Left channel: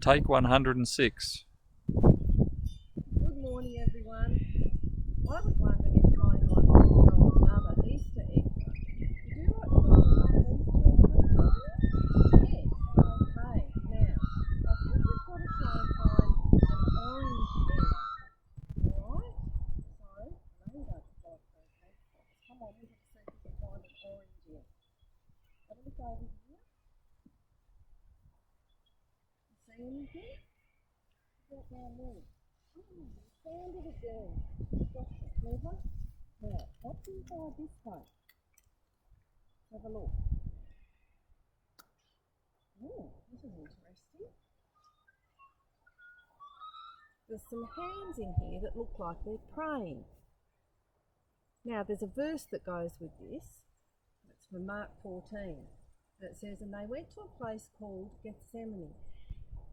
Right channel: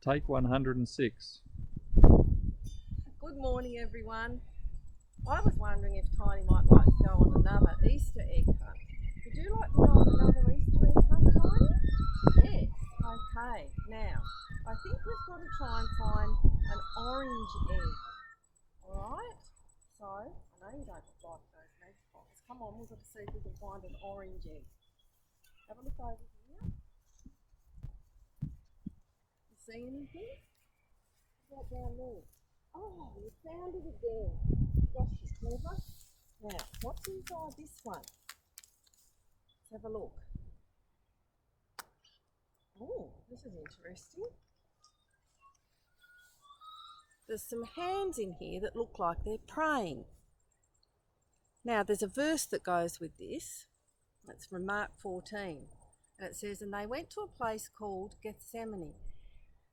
Take 106. Good morning, everyone. I was wondering if Tiny might like to go on another Easter egg hunt. Would you like to go on another Easter egg hunt, Tiny? Yes. Okay. Now, I think we've got to try and find an orange egg. Alright? So, I know you don't like those egg spots. Come on, we've got to see if we can find an orange egg. Have a look over here. You see anything? What's that down there? Oh, you found it again. Gosh, you're clever. Now, what's inside this one? Let's have a look. Oh, this is interesting. There's some hands in here that look like they're praying. Now, there's a verse that goes with this. It's from Mark 14. And it says, "And they went to a place called Gethsemane.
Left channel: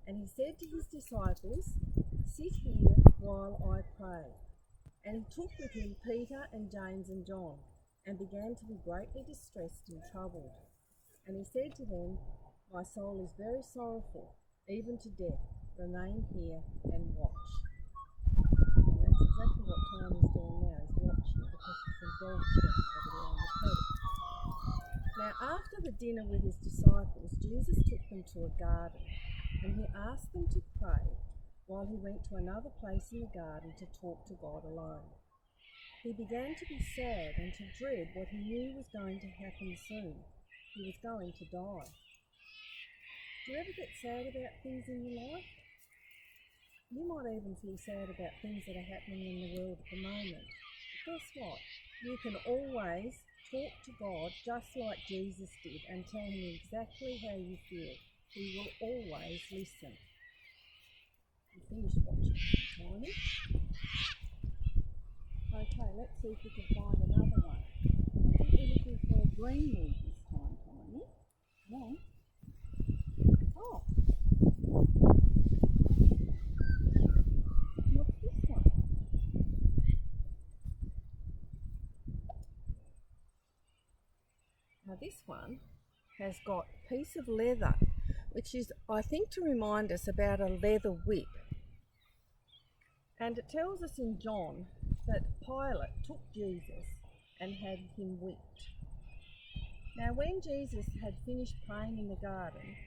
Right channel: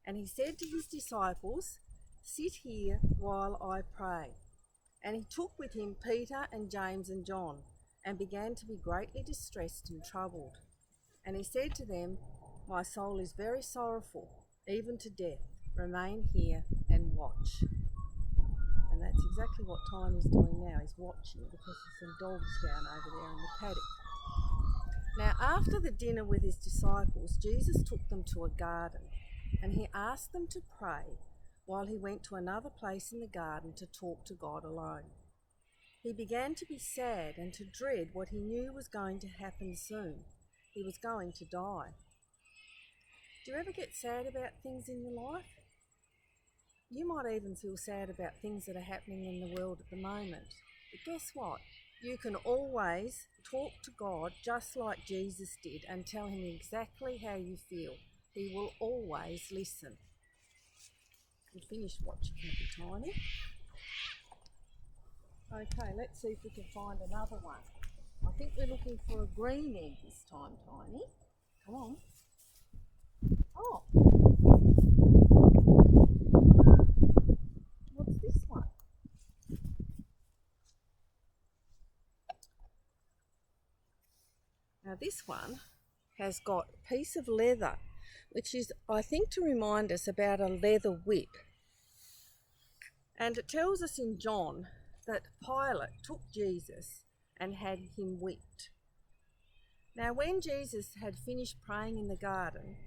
And he said to his disciples, 'Sit here while I pray.' And he took with him Peter and James and John, and began to be greatly distressed and troubled. And he said to them, 'My soul is very sorrowful, even to death. Remain here and watch.'" And that's exactly what Tiny's doing now. He's watching because there's some dogs down over there in the paddock. Now, after the dinner with his disciples, Jesus took them to a garden, and he asked them to pray while he went to another place in the garden to talk to God alone. He began to be sad and to dread what he knew was going to happen soon. He was going to die. Do you ever get sad about things in your life? You might even feel sad about things that are happening in the world at the moment. But guess what? You can always talk to God just like Jesus did and tell him exactly how you feel. He will always listen. We finished watching Tiny. Okay, let's see if we can find another one. I think we're looking for a green egg this time, Tiny. Come on. Oh. What's this one? Now this one has got a piece of leather, which is, I think, to remind us about a leather whip. And it tells us in John that Pilate took Jesus and had him whipped. Now, when Jesus had finished praying in the garden,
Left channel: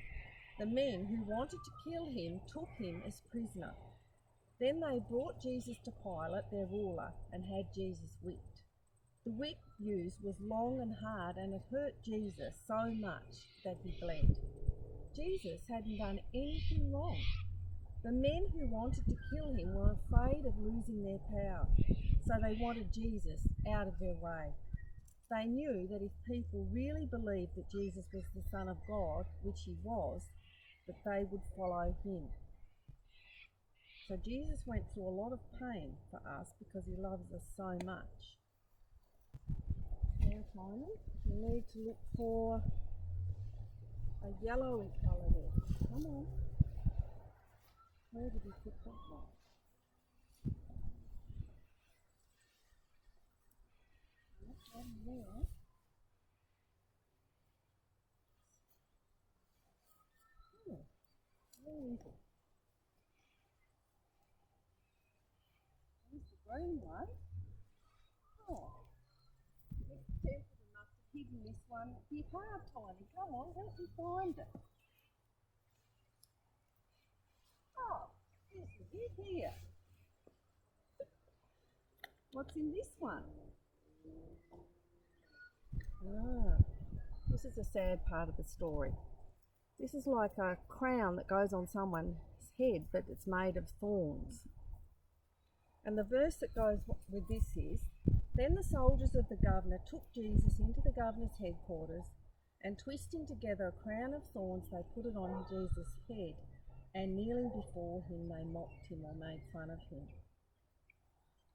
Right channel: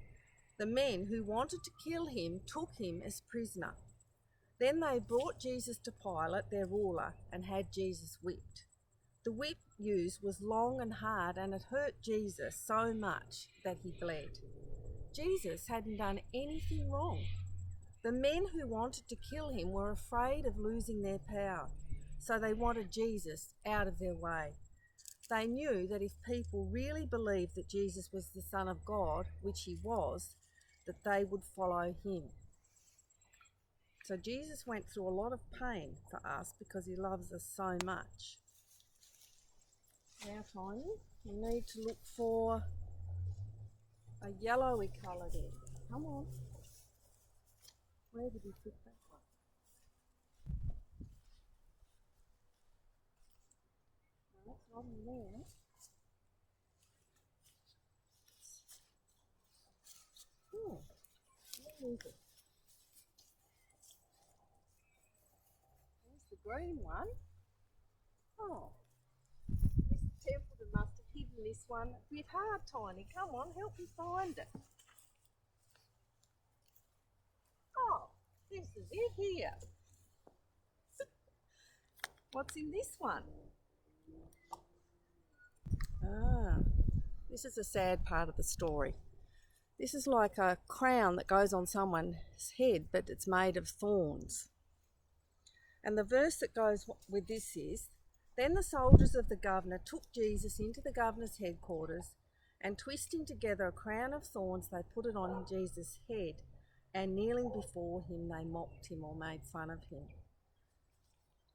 the men who wanted to kill him took him as prisoner. Then they brought Jesus to Pilate, their ruler, and had Jesus whipped. The whip used was long and hard, and it hurt Jesus so much that he bled. Jesus hadn't done anything wrong. The men who wanted to kill him were afraid of losing their power, so they wanted Jesus out of their way. They knew that if people really believed that Jesus was the Son of God, which he was, that they would follow him. So Jesus went through a lot of pain for us because he loves us so much. Now, Tiny, we need to look for a yellowy coloured egg. Come on. Where did we put that one? Not in there. Oh, where is it? There's the green one. Oh, Mr. Templeton must have hidden this one a bit hard, Tiny. Come on, help me find it. Oh, this is it here. What's in this one? This is a sad part of the story. This is like a crown that goes on someone's head, but it's made of thorns. And the verse that goes with this is, "Then the soldiers of the governor took Jesus into the governor's headquarters, and twisting together a crown of thorns, they put it on Jesus' head, and kneeling before him, they mocked him or made fun of him."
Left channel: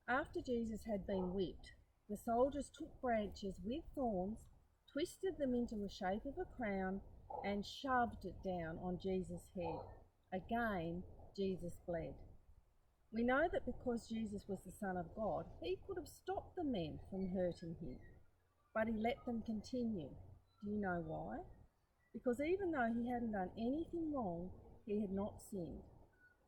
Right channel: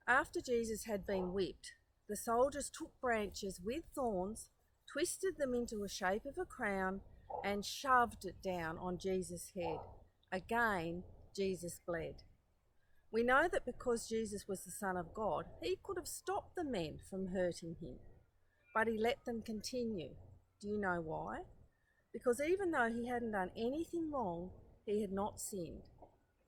After Jesus had been whipped, the soldiers took branches with thorns, twisted them into a shape of a crown, and shoved it down on Jesus' head. Again, Jesus bled. We know that because Jesus was the Son of God, he could have stopped the men from hurting him, but he let them continue. Do you know why? Because even though he hadn't done anything wrong, he had not sinned.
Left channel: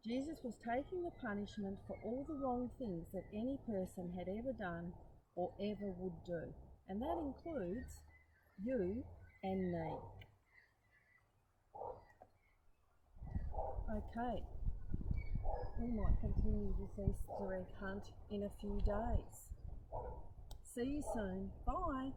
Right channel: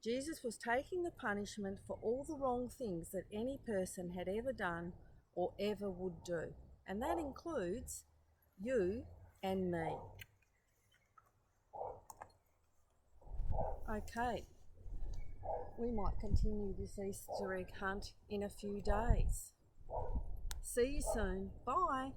Jesus was taking the punishment for all the wrong things that any person had ever done or ever would do. And that includes you and me. Okay, we might continue this Easter egg hunt in a few days. See you soon. Bye.